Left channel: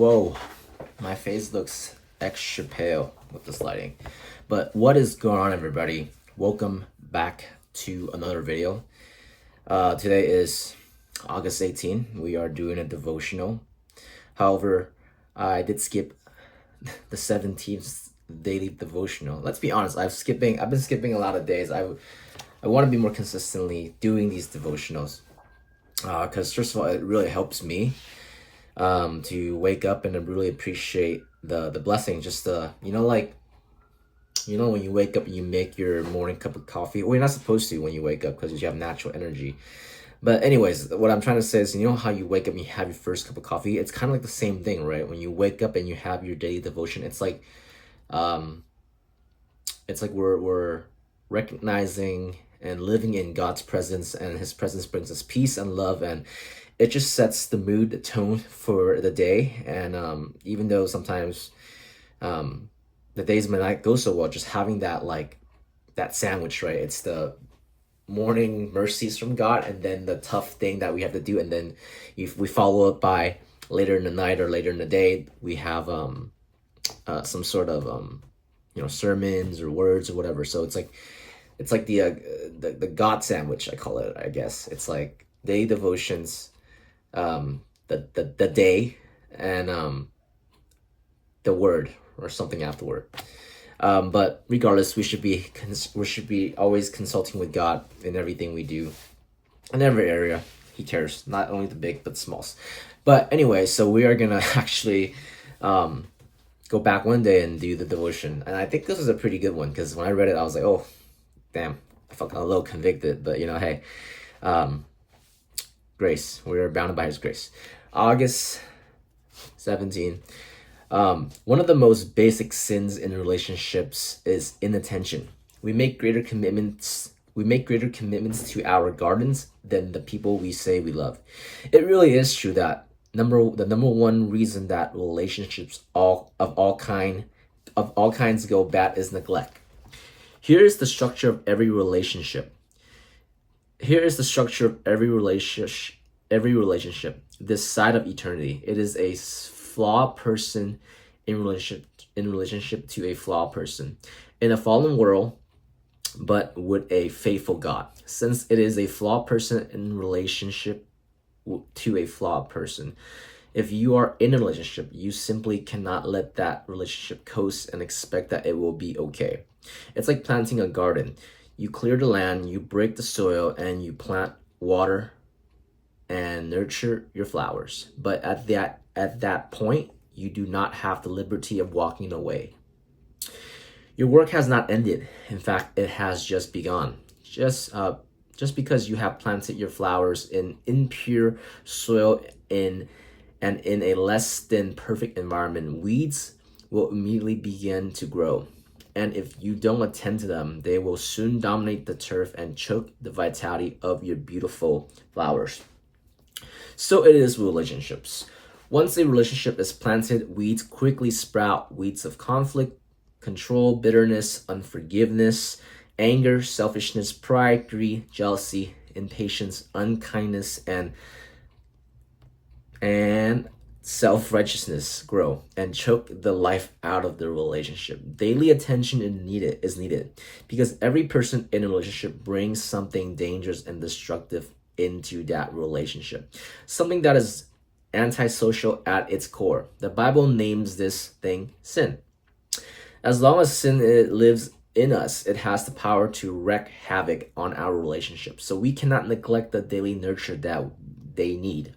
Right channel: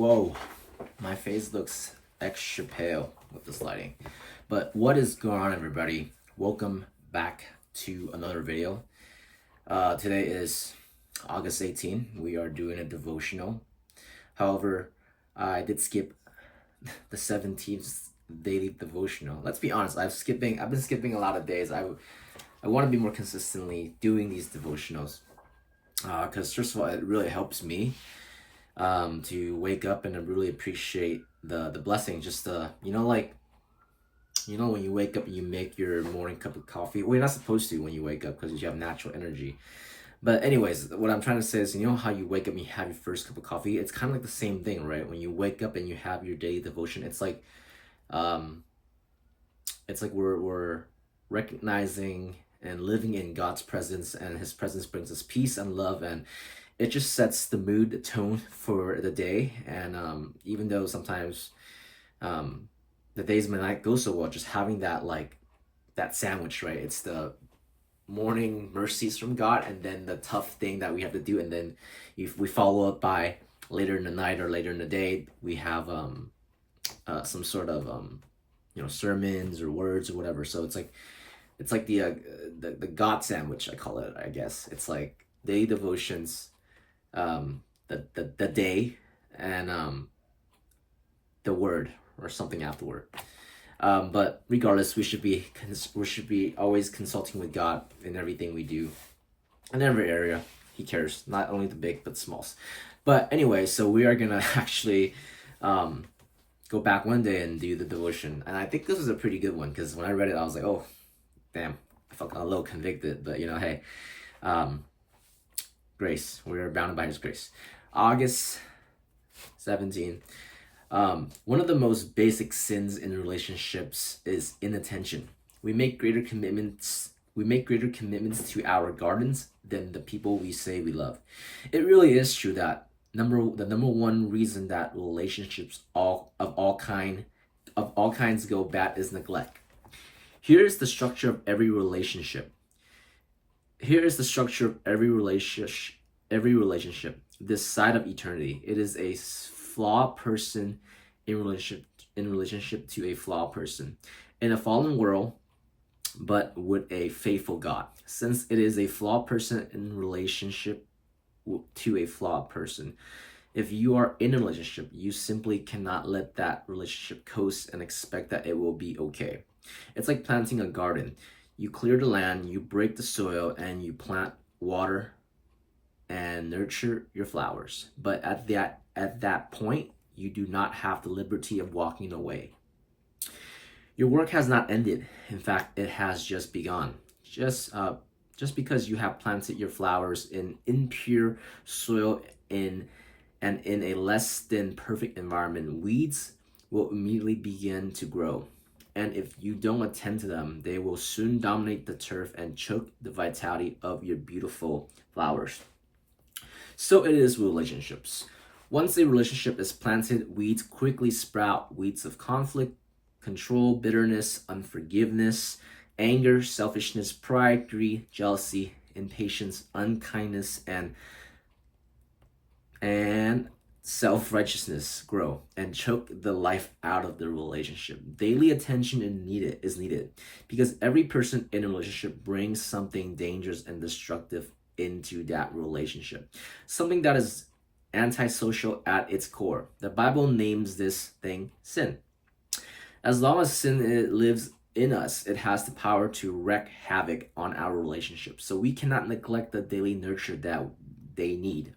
Whoa, my face looks extra pale with this lighting. But what is going on, everybody? Welcome back to another video. Today is August 18. We are doing a devotional. However, I did skip the 17th daily devotional. Let's be honest, I've been skipping a lot of days. I want to be more consistently doing these devotionals. Because first of all, it really helps me to wake up and to really appreciate the blessing. Just when you wake up and you make your morning cup of coffee. Well, you're not supposed to when you wake up because you have natural energy. But anyways, what I'm trying to say is, you know how you wake up and you have your first cup of coffee? It's kind of like the same thing, right? When you wake up and you have your daily devotion, um, it's like we're recognizing and living in God's presence, and His presence brings us peace and love, and it just sets the mood, the tone for the day. And even though sometimes the days may not go so well, just having that sandwich, right? It's the morning mercies from God, and then the tough thing that we have to do, and then if we follow up by later in the night or later in the day, we have some sort of sermons or words or whatever. So it's like the God sandwich, I call it. I guess it's like day devotions, the day, and the word or something afterward. But regardless, we should be always consulting with God in everything we do, in every area. He cares, not only the big but smalls. But anyway, so we are gonna actually go back one day and do the devotion, and I think this is a pretty good one because when I read it, I was like, oh, damn, I felt a little convicted. But hey, grace. We are bounded by His grace. August 17. One of the most basic sins in relationships is inattention. We make greater commitments to our gardens than the people we say we love. It really is true that the number one reason that relationships of all kinds go bad is neglect. Here is the structure of every relationship. This side of eternity. It is a flawed person in relationship to a flawed person in a fallen world, but with a faithful God. Since it is a flawed person in relationship to a flawed person, if you are in a relationship, you simply cannot let that relationship coast and expect that it will be okay. It's like planting a garden. You clear the land, you break the soil, and you plant, water, and nurture your flowers. But at that point, you do not have the liberty of walking away. Your work has not ended. In fact, it has just begun. Just because you have planted your flowers in impure soil and in a less than perfect environment, weeds will immediately begin to grow. And if you don't attend to them, they will soon dominate the turf and choke the vitality of your beautiful flowers. So it is with relationships. Once a relationship is planted, weeds quickly sprout. Weeds of conflict, control, bitterness, unforgiveness, anger, selfishness, pride, greed, jealousy, impatience, unkindness, and self-righteousness grow and choke the life out of the relationship. Daily attention is needed because every person in a relationship brings something dangerous and destructive into that relationship, something that is antisocial at its core. The Bible names this thing sin. As long as sin lives in us, it has the power to wreak havoc on our relationships. So we cannot neglect the daily nurture that they need.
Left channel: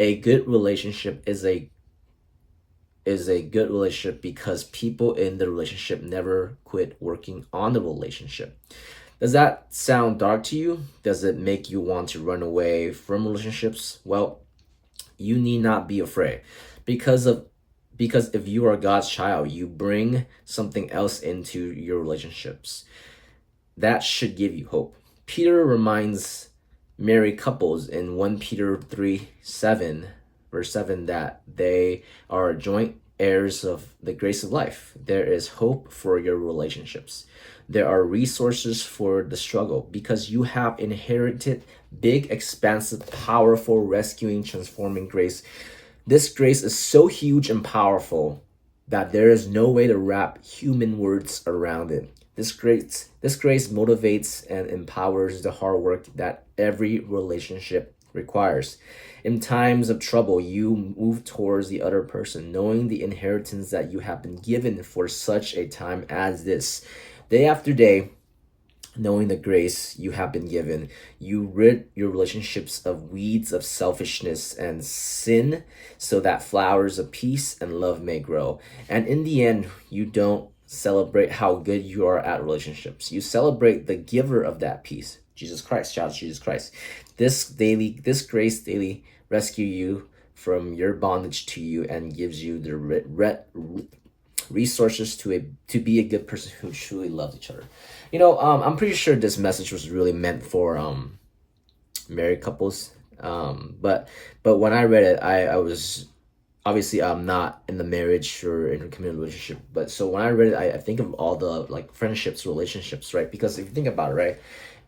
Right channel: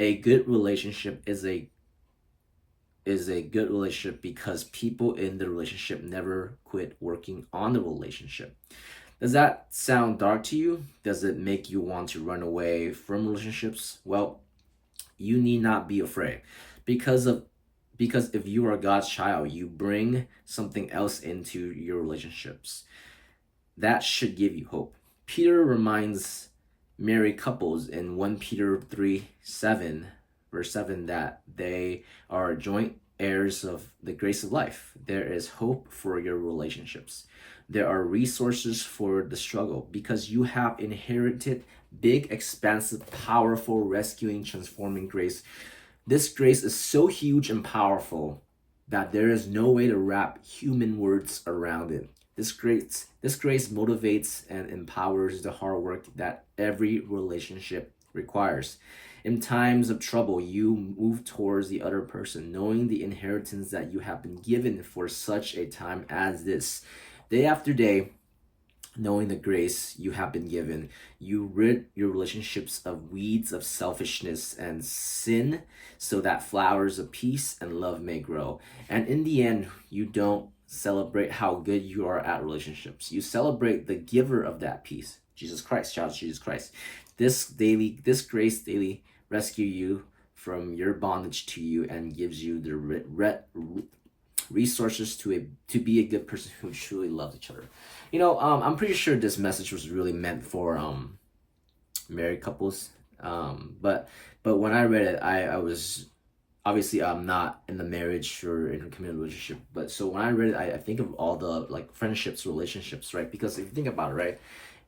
A good relationship is a good relationship because people in the relationship never quit working on the relationship. Does that sound dark to you? Does it make you want to run away from relationships? Well, you need not be afraid because if you are God's child, you bring something else into your relationships. That should give you hope. Peter reminds married couples in 1 Peter 3:7, verse 7, that they are joint heirs of the grace of life. There is hope for your relationships. There are resources for the struggle because you have inherited big, expansive, powerful, rescuing, transforming grace This grace is so huge and powerful that there is no way to wrap human words around it. This grace motivates and empowers the hard work that every relationship requires. In times of trouble, you move towards the other person, knowing the inheritance that you have been given for such a time as this. Day after day, knowing the grace you have been given, you rid your relationships of weeds of selfishness and sin so that flowers of peace and love may grow. And in the end, you don't celebrate how good you are at relationships. You celebrate the giver of that peace, Jesus Christ. Shout out to Jesus Christ. This grace daily rescue you from your bondage to you and gives you the resources to be a good person who truly loves each other. I'm pretty sure this message was really meant for married couples. But when I read it, I was obviously I'm not in the marriage or in a committed relationship. But so when I read it, I think of all the like friendships, relationships, right? Because if you think about it, right,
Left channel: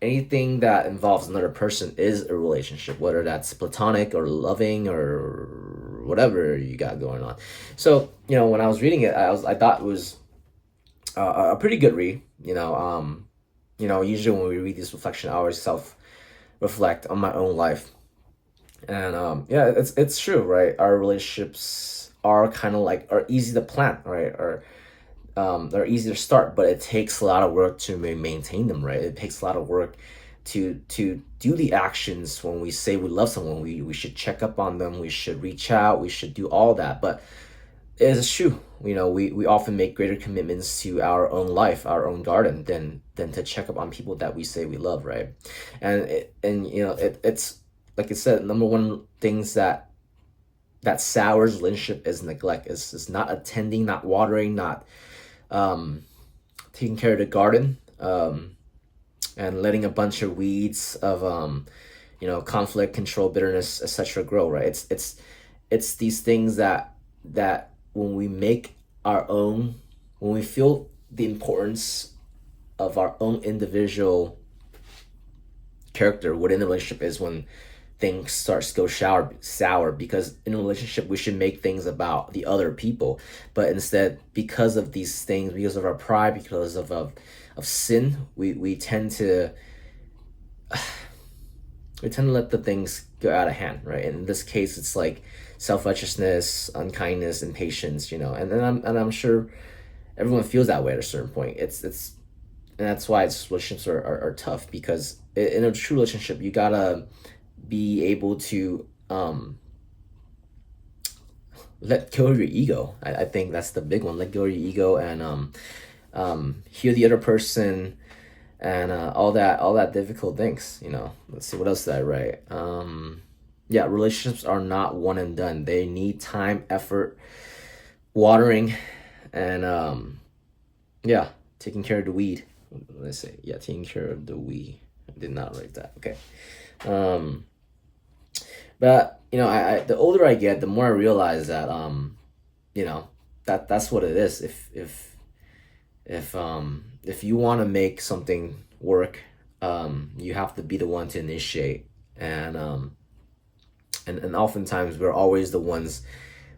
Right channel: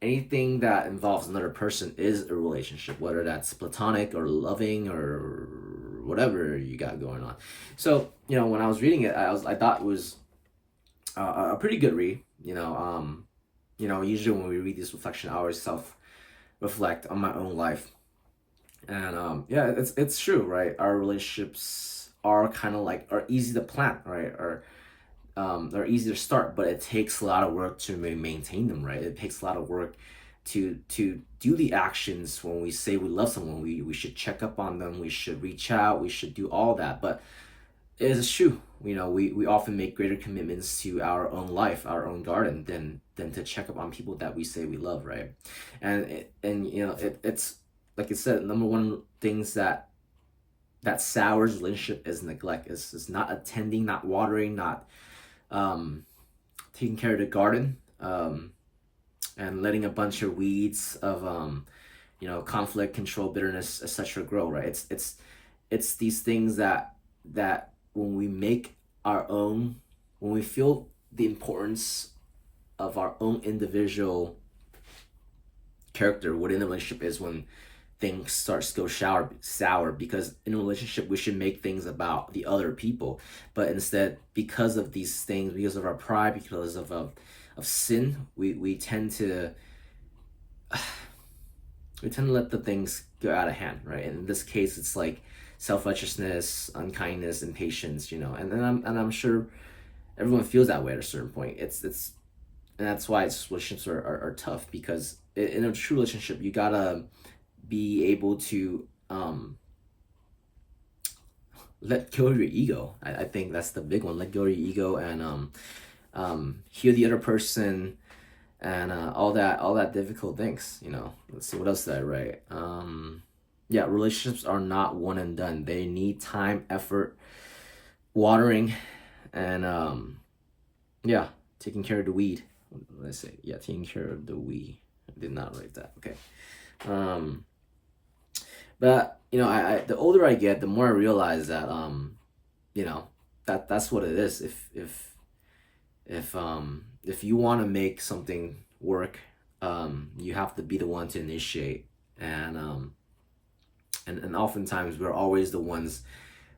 anything that involves another person is a relationship, whether that's platonic or loving or whatever you got going on. So when I was reading it, I thought it was a pretty good read. Usually when we read this reflection, I always self reflect on my own life, and yeah, it's true, right? Our relationships are kind of like are easy to plant, right? Or they're easy to start, but it takes a lot of work to maintain them, right? It takes a lot of work to do the actions. When we say we love someone, we should check up on them, we should reach out, we should do all that. But it is true, we often make greater commitments to our own life, our own garden, than to check up on people that we say we love, right? It's like I said, number one things that sours relationship is neglect, is not attending, not watering, not taking care of the garden, and letting a bunch of weeds of conflict, control, bitterness, etc. grow, right? It's these things that when we make our own, when we feel the importance of our own individual character within the relationship, is when things starts to go sour, because in a relationship we should make things about the other people, but instead, because of these things, because of our pride, because of sin, we tend to let the things go out of hand, right? And in this case, it's like self-righteousness, unkindness, impatience, and I'm sure everyone feels that way at a certain point. It's and that's why relationships are tough, because in a true relationship you gotta be able to let go of your ego. I think that's the big one. Let go of your ego and hear the other person, and all that difficult things. Let's see, what else did I write? Yeah, relationships are not one and done. They need time, effort, watering, and yeah, taking care of the weed. Let's say, yeah, taking care of the weed. I did not write that. Okay. But I the older I get, the more I realize that that's what it is. If you want to make something work, you have to be the one to initiate, and oftentimes we're always the ones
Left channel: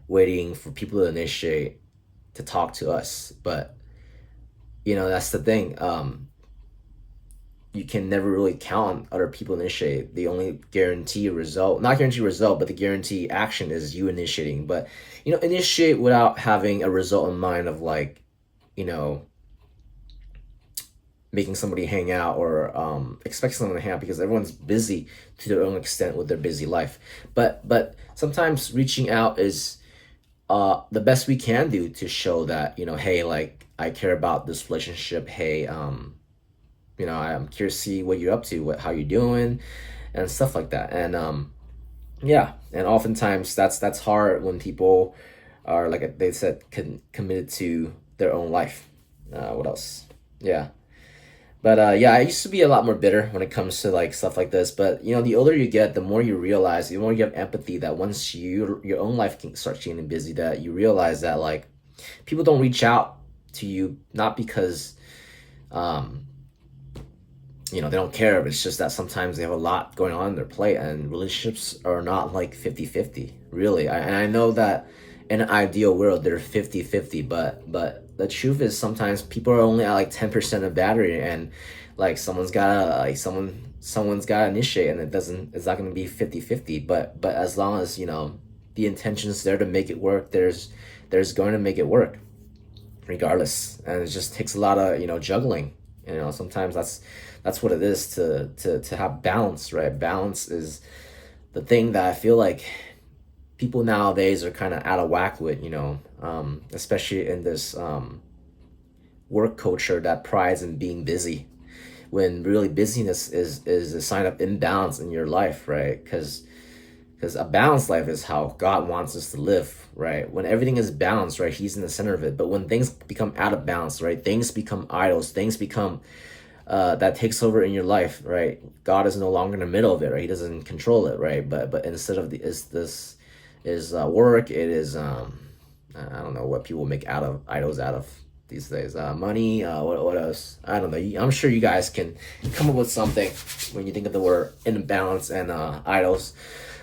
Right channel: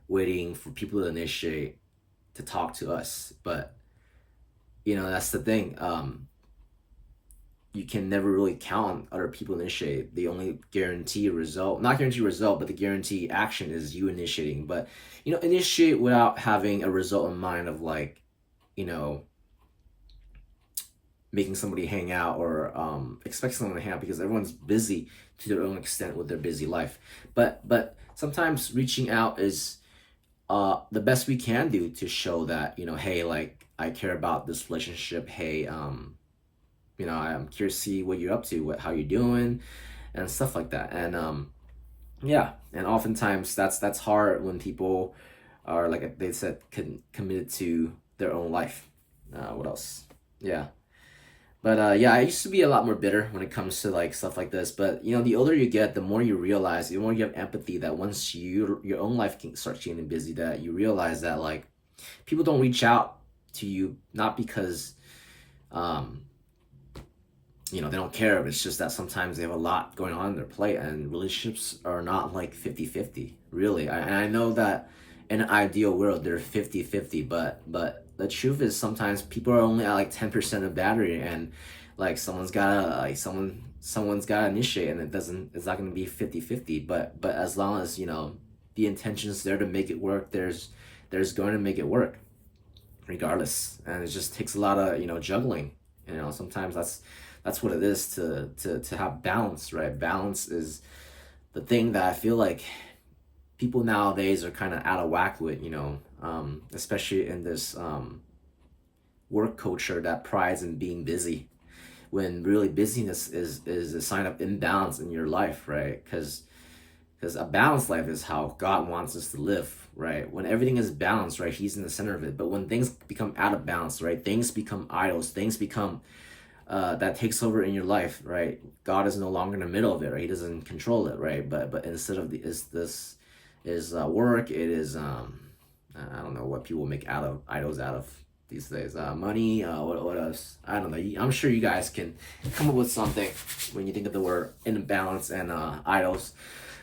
waiting for people to initiate to talk to us. But that's the thing. You can never really count on other people to initiate. The only guarantee result, not guarantee result, but the guarantee action is you initiating. But initiate without having a result in mind of like, making somebody hang out, or expect someone to hang out, because everyone's busy to their own extent with their busy life. But sometimes reaching out is the best we can do to show that, hey, like, I care about this relationship. Hey, I'm curious to see what you're up to, how you're doing, and stuff like that. And yeah, and oftentimes that's hard when people are, like they said, committed to their own life. What else? Yeah. But yeah, I used to be a lot more bitter when it comes to like stuff like this. But the older you get, the more you realize, the more you have empathy, that once your own life starts getting busy, that you realize that like people don't reach out to you not because you know, they don't care. It's just that sometimes they have a lot going on in their plate, and relationships are not like 50-50, really. And I know that in an ideal world they're 50-50, but the truth is sometimes people are only at like 10% of battery, and like someone's gotta initiate, and it's not gonna be 50-50. But as long as, you know, the intention's there to make it work, there's going to make it work regardless. And it just takes a lot of, you know, juggling. You know, sometimes that's what it is to have balance, right? Balance is the thing that I feel like people nowadays are kind of out of whack with, you know, especially in this work culture that prides in being busy, when really busyness is a sign of imbalance in your life, right? Because a balanced life is how God wants us to live, right? When everything is balanced, right, He's in the center of it. But when things become out of balance, right, things become idols, things become that takes over in your life, right? God is no longer in the middle of it, right? He doesn't control it, right? But instead of work, it is I don't know what people make out of idols out of these days. Money. What else? I don't know. I'm sure you guys can come up with something when you think of the word imbalance and idols.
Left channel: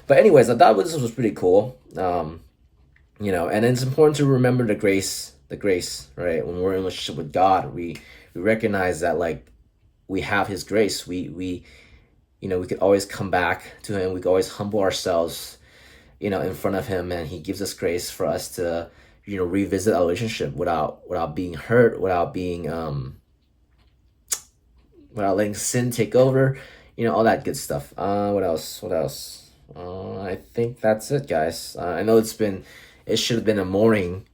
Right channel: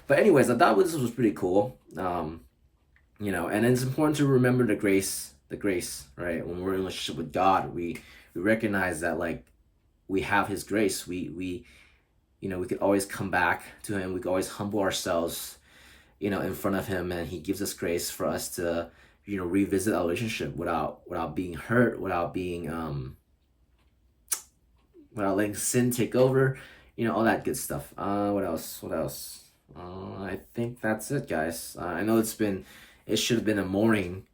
But anyways, I thought this was pretty cool. You know, and it's important to remember the grace, right? When we're in a relationship with God, we recognize that like we have His grace. We you know, we could always come back to Him. We could always humble ourselves, you know, in front of Him, and He gives us grace for us to, you know, revisit our relationship without being hurt, without being without letting sin take over, you know, all that good stuff. What else? What else? I think that's it, guys. I know it should have been a morning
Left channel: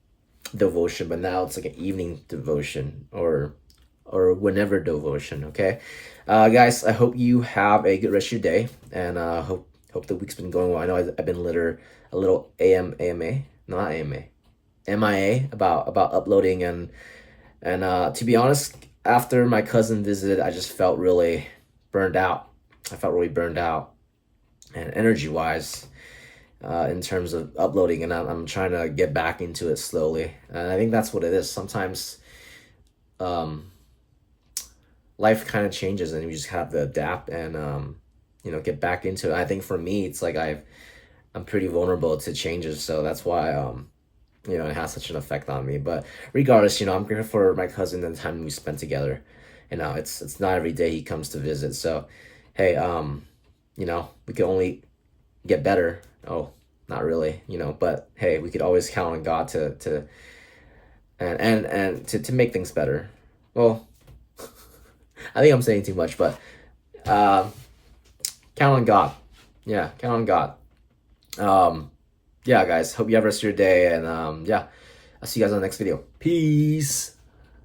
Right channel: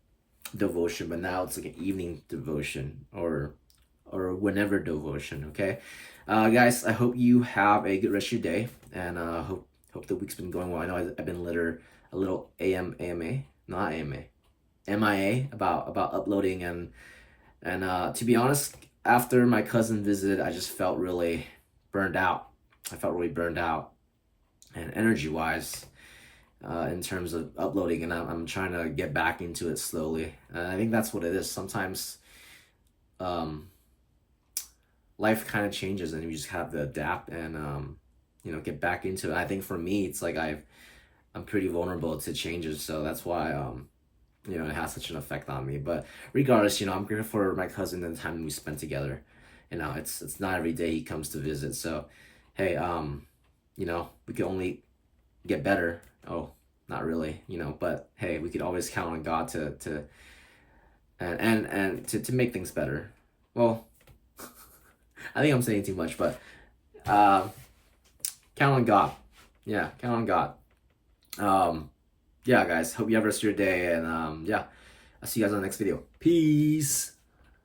devotion, but now it's like an evening devotion, or whenever devotion. Okay, guys. I hope you have a good rest of your day, and hope the week's been going well. I know I've been a little AMA, not AMA, MIA about uploading, and to be honest, after my cousin visited, I just felt really burned out. I felt really burned out, and energy wise, in terms of uploading, and I'm trying to get back into it slowly. And I think that's what it is. Sometimes um, life kind of changes, and you just have to adapt and you know, get back into it. I think for me, it's like I'm pretty vulnerable to changes, so that's why you know, it has such an effect on me. But regardless, you know, I'm grateful for my cousin and the time we spent together. You know, it's not every day he comes to visit, so hey, you know, we can only get better. Oh, not really, you know, but hey, we could always count on God to and to make things better. Well, I think I'm saying too much, but um, count on God. Yeah, count on God. Yeah, guys. Hope you have a rest of your day, and yeah, I'll see you guys on the next video. Peace.